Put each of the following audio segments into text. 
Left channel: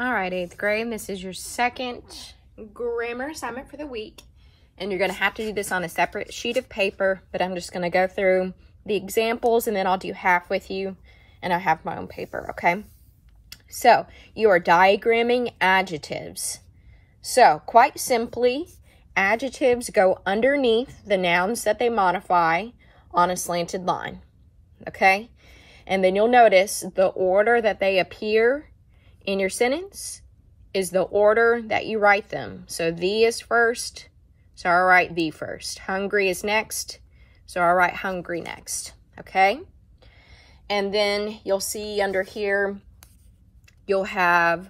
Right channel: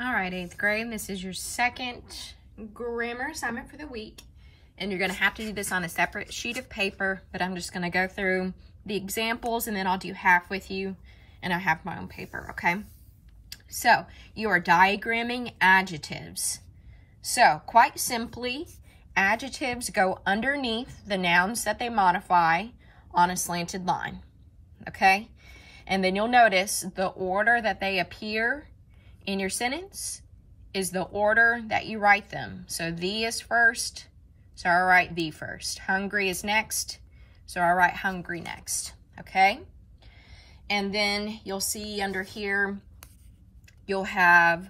All right, 8th grade, this is your second grammar assignment for the week. And you're gonna have to do this on a separate sheet of paper, but I'm just gonna go through the examples and then I'll do half with you and I have my own paper, okay? So, you are diagramming adjectives. So, quite simply, adjectives go underneath the nouns that they modify on a slanted line, okay? And then you'll notice the order that they appear in your sentence is the order that you write them. So the is first, so I'll write the first. Hungry is next, so I'll write hungry next, okay? And then you'll see under here, you'll have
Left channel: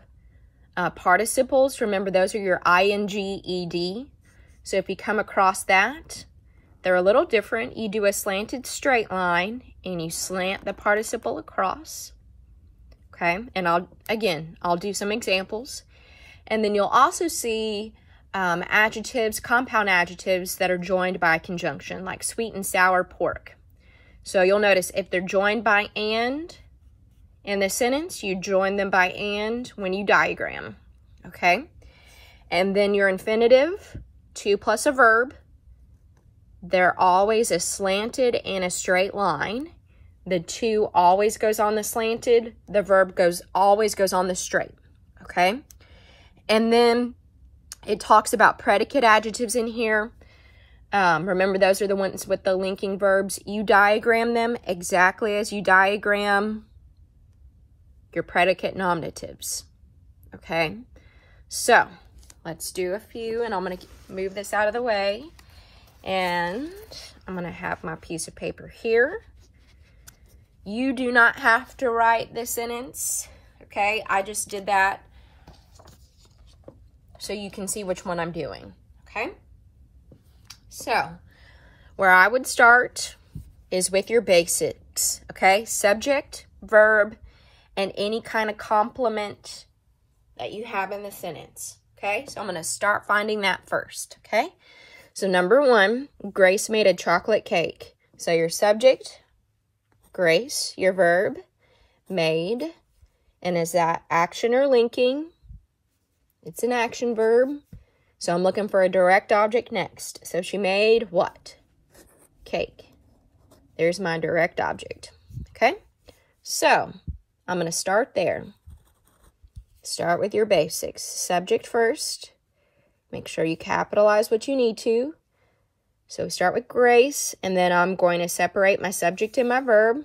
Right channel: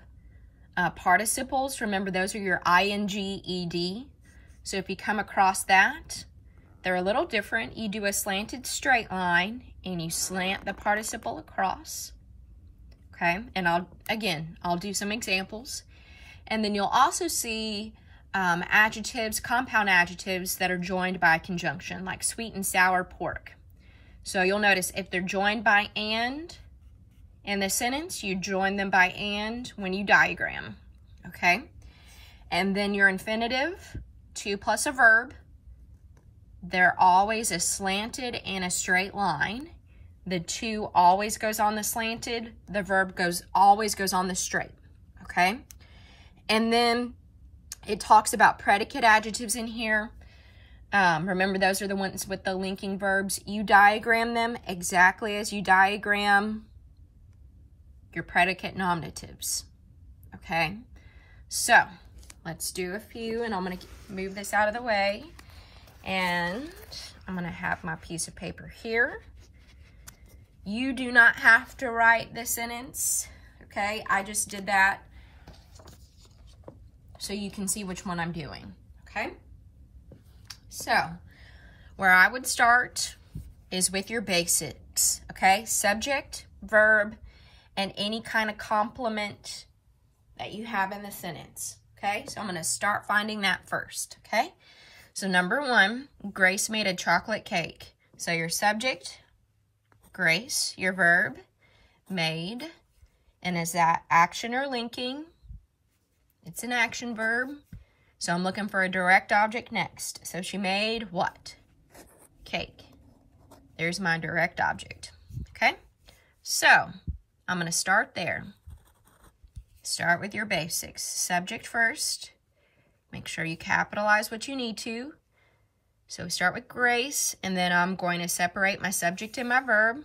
participles. Remember, those are your ing, ed. So if you come across that, they're a little different. You do a slanted straight line and you slant the participle across. Okay, and I'll do some examples. And then you'll also see adjectives, compound adjectives that are joined by conjunction, like sweet and sour pork. So you'll notice if they're joined by and in the sentence, you join them by and when you diagram, okay? And then your infinitive, to plus a verb, they're always a slanted and a straight line. The to always goes on the slanted. The verb always goes on the straight, okay? And then it talks about predicate adjectives in here. Remember, those are the ones with the linking verbs. You diagram them exactly as you diagram your predicate nominatives, okay? So, let's do a few, and I'm going to move this out of the way. And I'm going to have my piece of paper here. You do not have to write the sentence, okay? I just did that so you can see which one I'm doing, okay? So, where I would start is with your basics, okay? Subject, verb, and any kind of complement that you have in the sentence, okay? So I'm going to start finding that first, okay? So number 1, Grace made a chocolate cake. So your subject, Grace, your verb, made, and is that action or linking? It's an action verb. So I'm looking for a direct object next. So she made what? Cake. There's my direct object, okay? So I'm going to start there. Start with your basics. Subject first. Make sure you capitalize what you need to. So we start with Grace, and then I'm going to separate my subject and my verb.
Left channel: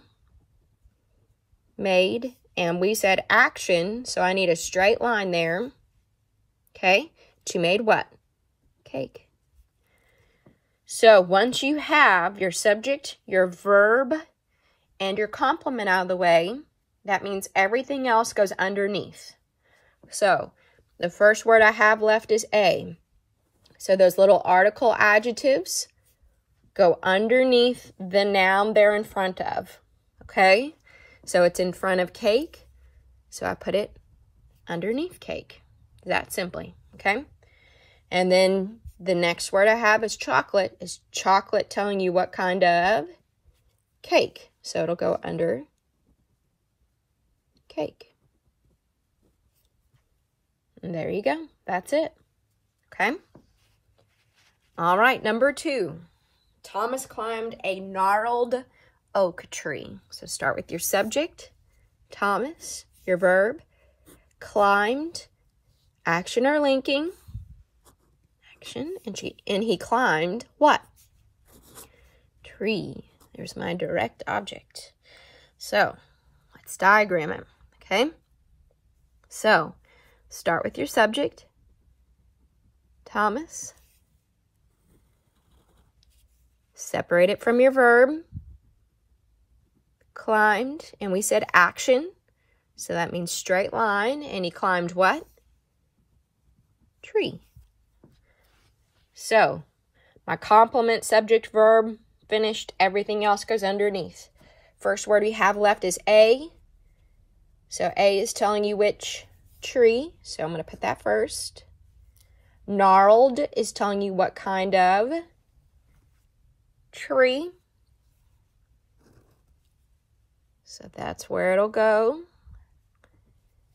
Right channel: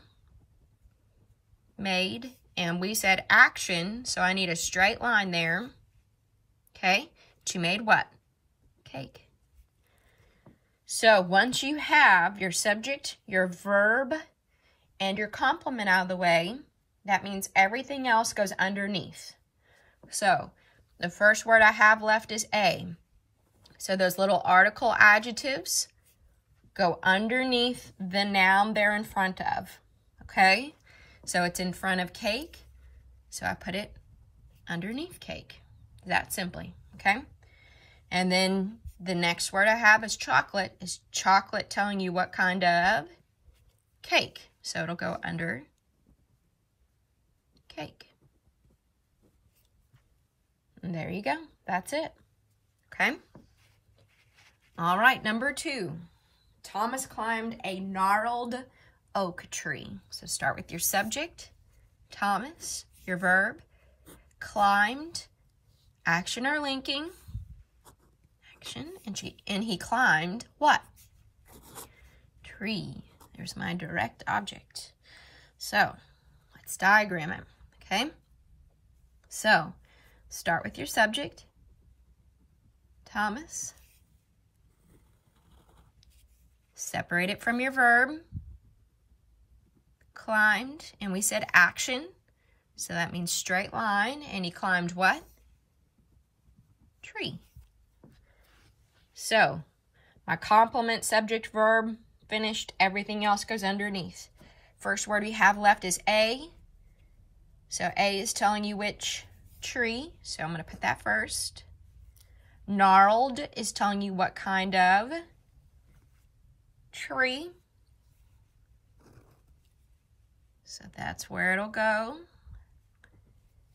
Made, and we said action, so I need a straight line there. Okay, to made what? Cake. So once you have your subject, your verb, and your complement out of the way, that means everything else goes underneath. So the first word I have left is a. So those little article adjectives go underneath the noun they're in front of, okay? So it's in front of cake, so I put it underneath cake, that simply, okay? And then the next word I have is chocolate telling you what kind of cake. So it'll go under cake. And there you go, that's it, okay? All right, number 2. Thomas climbed a gnarled oak tree. So start with your subject, Thomas, your verb, climbed, action or linking, action, and he climbed what? Tree. There's my direct object. So let's diagram it, okay? So start with your subject, Thomas. Separate it from your verb, climbed, and we said action, so that means straight line, and he climbed what? Tree. So, my complement, subject, verb, finished, everything else goes underneath. First word we have left is a, so a is telling you which tree, so I'm going to put that first. Gnarled is telling you what kind of tree. So that's where it'll go.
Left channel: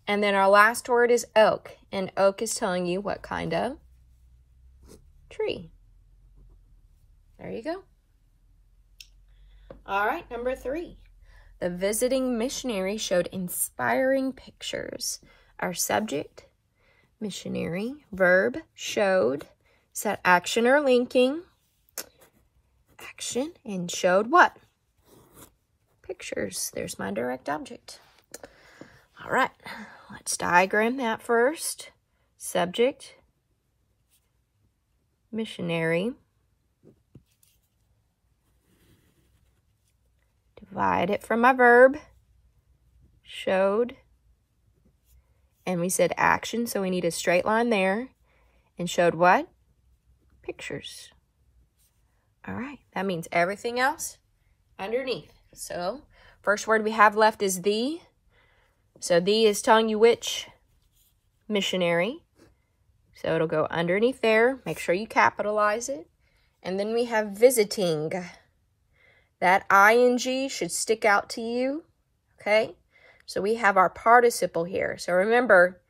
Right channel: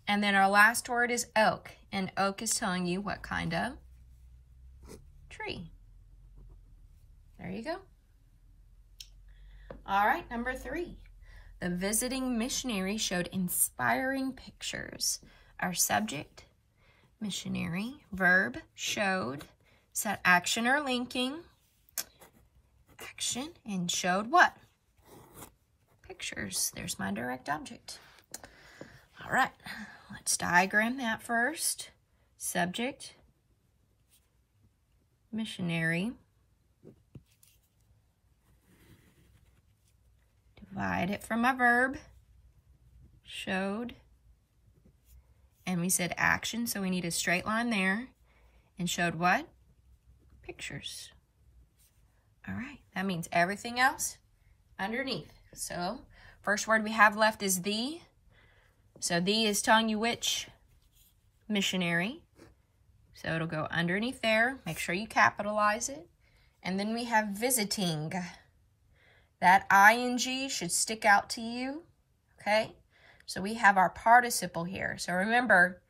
And then our last word is oak. And oak is telling you what kind of tree. There you go. All right, number 3. The visiting missionary showed inspiring pictures. Our subject, missionary. Verb, showed. Is that action or linking? Action. And showed what? Pictures. There's my direct object. All right, let's diagram that first. Subject, missionary. Divide it from my verb, showed. And we said action, so we need a straight line there. And showed what? Pictures. All right, that means everything else underneath. So, first word we have left is the. So, the is telling you which missionary. So, it'll go underneath there. Make sure you capitalize it. And then we have visiting. That ing should stick out to you, okay? So, we have our participle here. So, remember,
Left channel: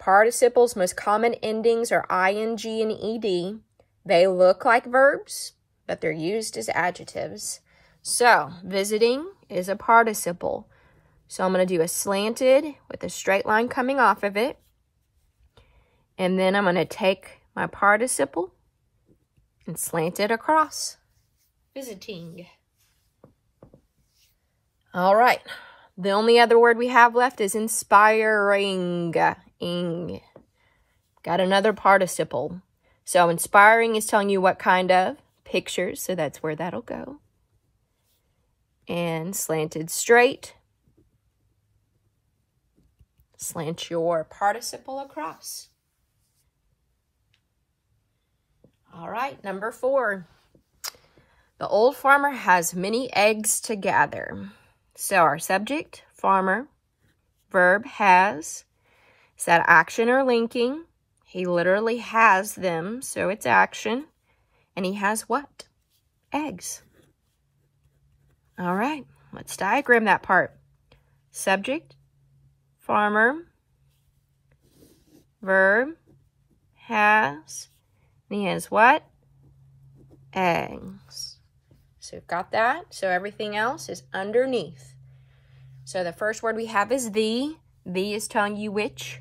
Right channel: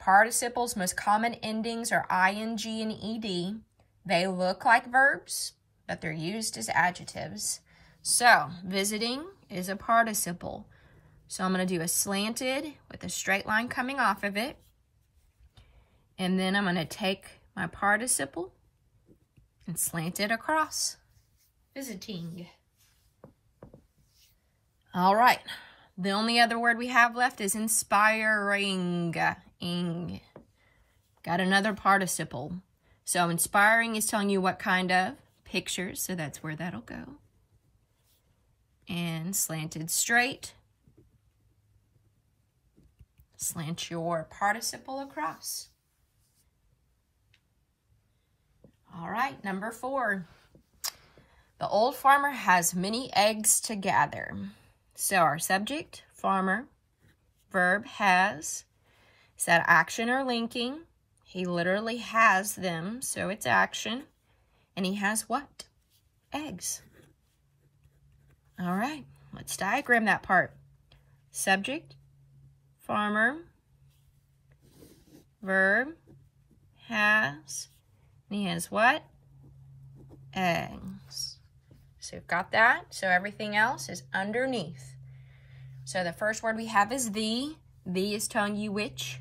participles, most common endings are ing and ed. They look like verbs, but they're used as adjectives. So, visiting is a participle. So, I'm going to do a slanted with a straight line coming off of it. And then I'm going to take my participle and slant it across. Visiting. All right. The only other word we have left is inspiring. Ing. Got another participle. So, inspiring is telling you what kind of pictures. So, that's where that'll go. And slanted straight. Slant your participle across. All right, number 4. The old farmer has many eggs to gather. So our subject, farmer, verb, has. Is that action or linking? He literally has them, so it's action. And he has what? Eggs. All right, let's diagram that part. Subject, farmer, verb, has, and he has what? Eggs. So we've got that. So everything else is underneath. So the first word we have is the. The is telling you which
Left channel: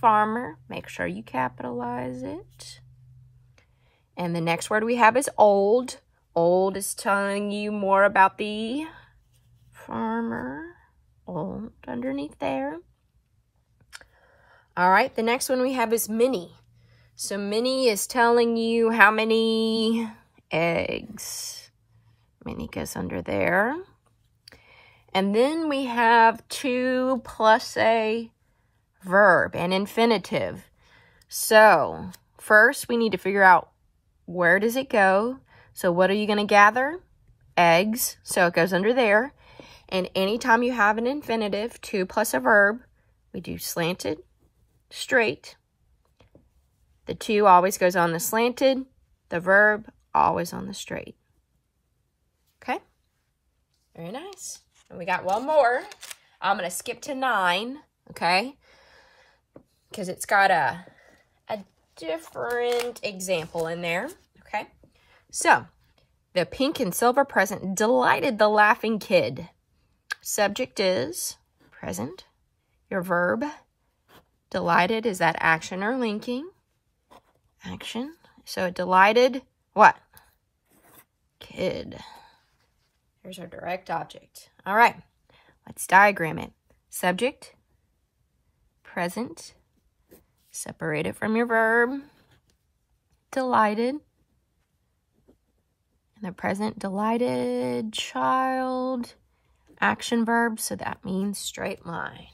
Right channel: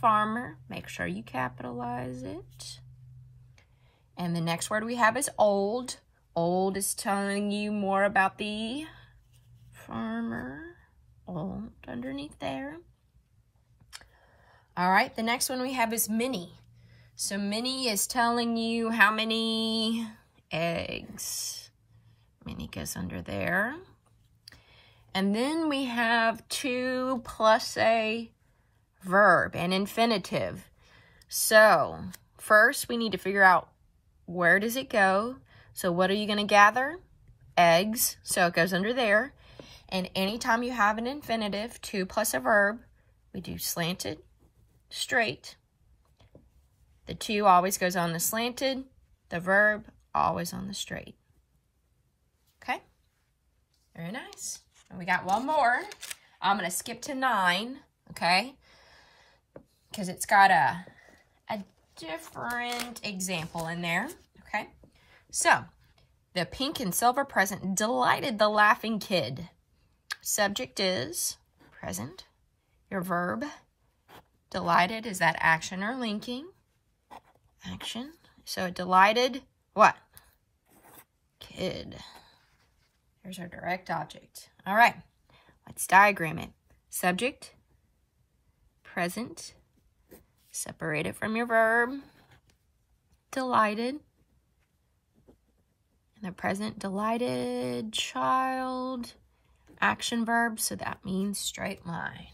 farmer. Make sure you capitalize it. And the next word we have is old. Old is telling you more about the farmer. Old underneath there. All right, the next one we have is many. So many is telling you how many eggs. Many goes under there. And then we have to plus a verb, an infinitive. So first we need to figure out where does it go. So what are you going to gather? Eggs. So it goes under there. And anytime you have an infinitive, to plus a verb, we do slanted, straight. The to always goes on the slanted. The verb always on the straight. Okay? Very nice. And we got one more. I'm going to skip to 9, okay? Because it's got a different example in there, okay? So, the pink and silver present delighted the laughing kid. Subject is present. Your verb, delighted, is that action or linking? Action. So, delighted, what? Kid. Here's our direct object. All right, let's diagram it. Subject, present, separate it from your verb, delighted. In the present, delighted child, action verb, so that means straight line.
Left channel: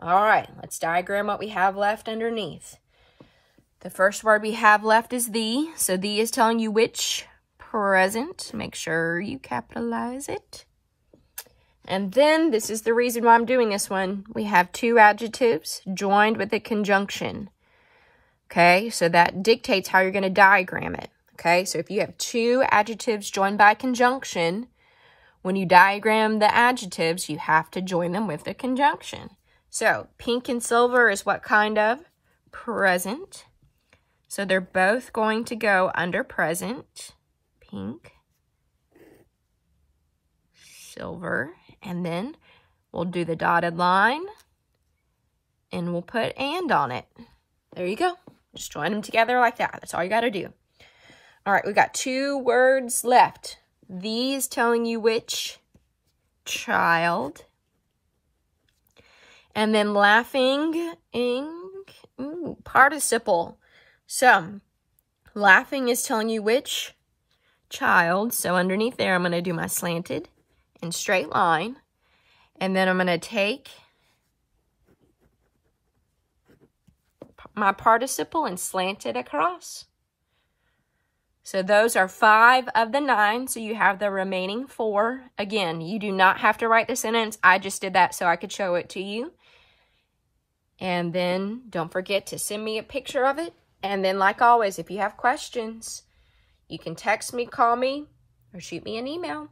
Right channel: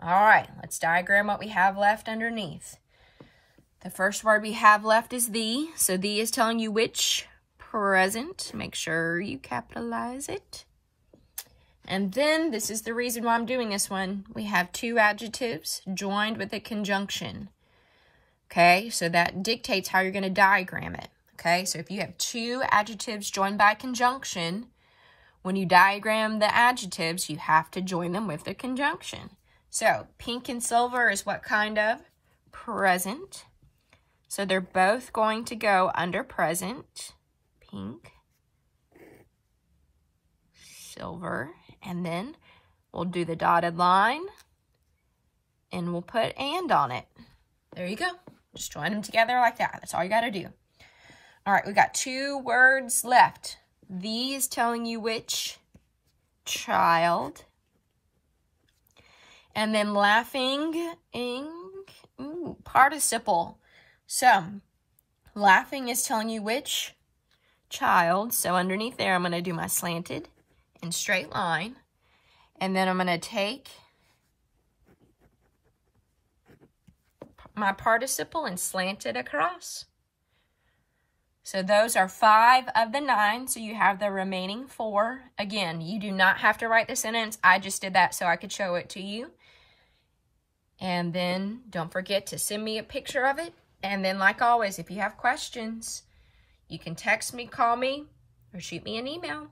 All right, let's diagram what we have left underneath. The first word we have left is the, so the is telling you which present. Make sure you capitalize it. And then, this is the reason why I'm doing this one. We have 2 adjectives joined with a conjunction. Okay, so that dictates how you're going to diagram it. Okay, so if you have 2 adjectives joined by a conjunction, when you diagram the adjectives, you have to join them with a conjunction. So pink and silver is what kind of? Present. So they're both going to go under present. Pink, silver, and then we'll do the dotted line and we'll put and on it. There you go. Just join them together like that. That's all you got to do. All right, we got 2 words left. These telling you which child. And then laughing, participle. So, laughing is telling you which child. So underneath there, I'm going to do my slanted and straight line. And then I'm going to take my participle and slant it across. So those are 5 of the 9. So you have the remaining 4. Again, you do not have to write the sentence. I just did that so I could show it to you. And then don't forget to send me a picture of it. And then, like always, if you have questions, you can text me, call me, or shoot me an email.